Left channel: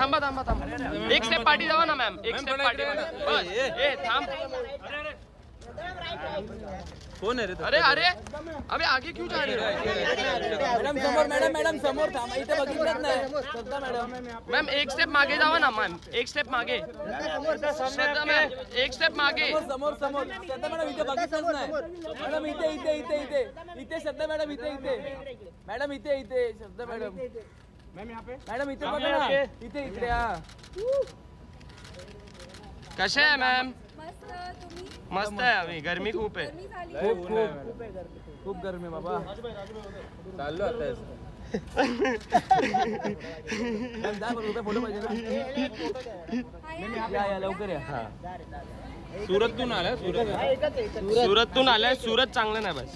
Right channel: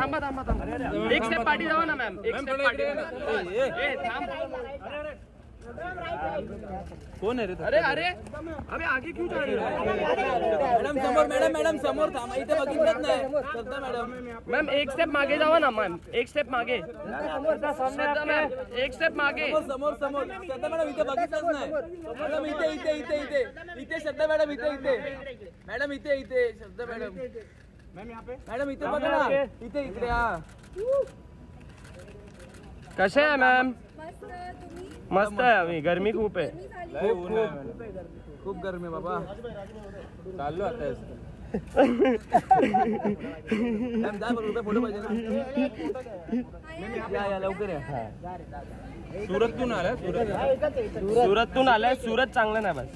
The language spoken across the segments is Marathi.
थांबा थांबा थांबा, एक स्टेप पाठी जावा ना मॅम, एक स्टेप पाठी थांब. कोण आहे रे? अरे अरे अबे आगे क्यों जा रहे हो? मॅडम समोर, मॅडम समोर थांबा, इथे बघितलंच नाही. श्रद्धा मॅडम, मॅम एक स्टेप मागे जावा ना मॅम, एक स्टेप मागे. श्रद्धा मॅम एक स्टेप मागे. समोर श्रद्धा मॅडम इथे बघितलंच नाही. मॅडम इथे श्रद्धा मॅडम इथे मॅडम इथे श्रद्धा मॅडम. मॅडम इथे बघा ना, इकडे. हा कसे आहे मॅम? मस्त आहे. आम्ही गरमी खूप आहे. खूप गरमी आहे बाबा. चाललो आता. फोटो पाहिजे ना. या लवकर या. सुरतून आलाय. सुरतून आलाय. सुरत चांगलं नाही बस.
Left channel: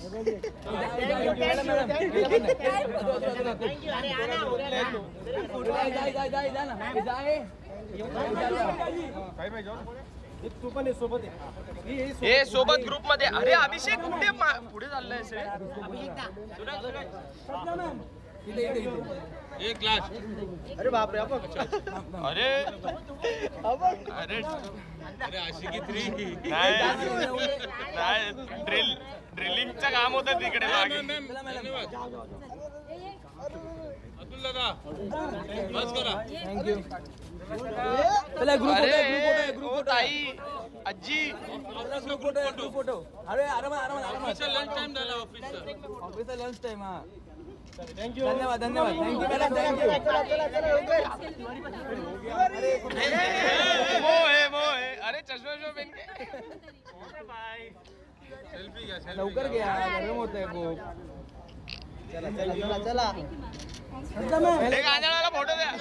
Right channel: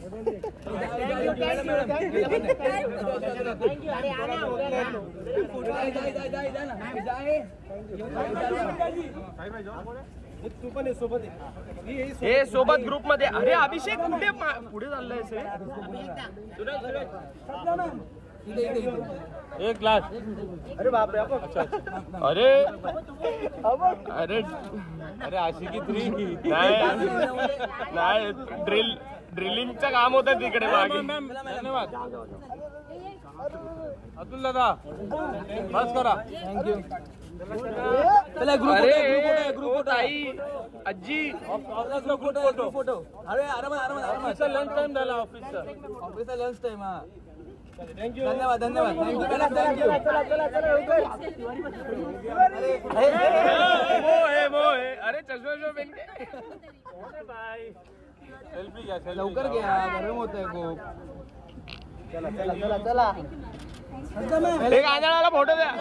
हे सोबत ग्रुप मध्ये. अरे अभिषेक कुठे पुढे चाललंय सर? एक ग्लास. अरे बापरे. अरे अरे अरे आशिकी 3 नाही ड्रिलिंगचं काम होतं तिकडे मागे. धन्यवाद अतुल दादा, बस करा. थँक्यू. अरे ग्रुप ताई आजी फोटो. अरे आरामात लंच टाइम झाला. ऑफिसचा लंच टाइम. हा धन्यवाद. Thank you madam. थँक्यू. अरे चष्मा पेन सेल्फी घ्या. लवकर घ्या, गरम होत आहे खूप. चला एक आंधळाला फोटो द्या.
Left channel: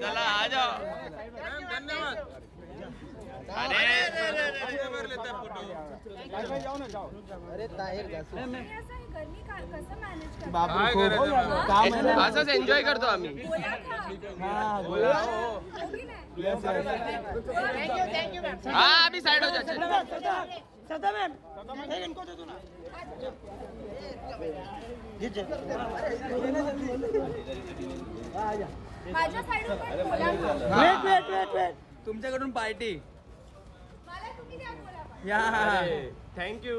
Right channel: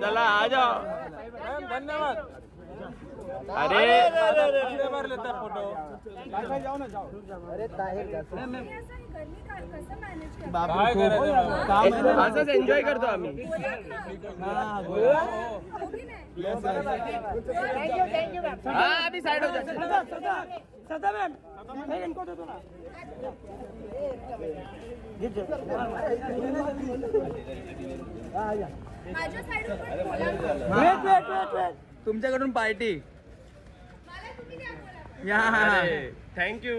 चला आ जाओ. धन्यवाद. अरे फोटो असंच एन्जॉय करतो आम्ही. हा अभी साइड हो जाते. तुमच्याकडून पार्टी. थँक्यू.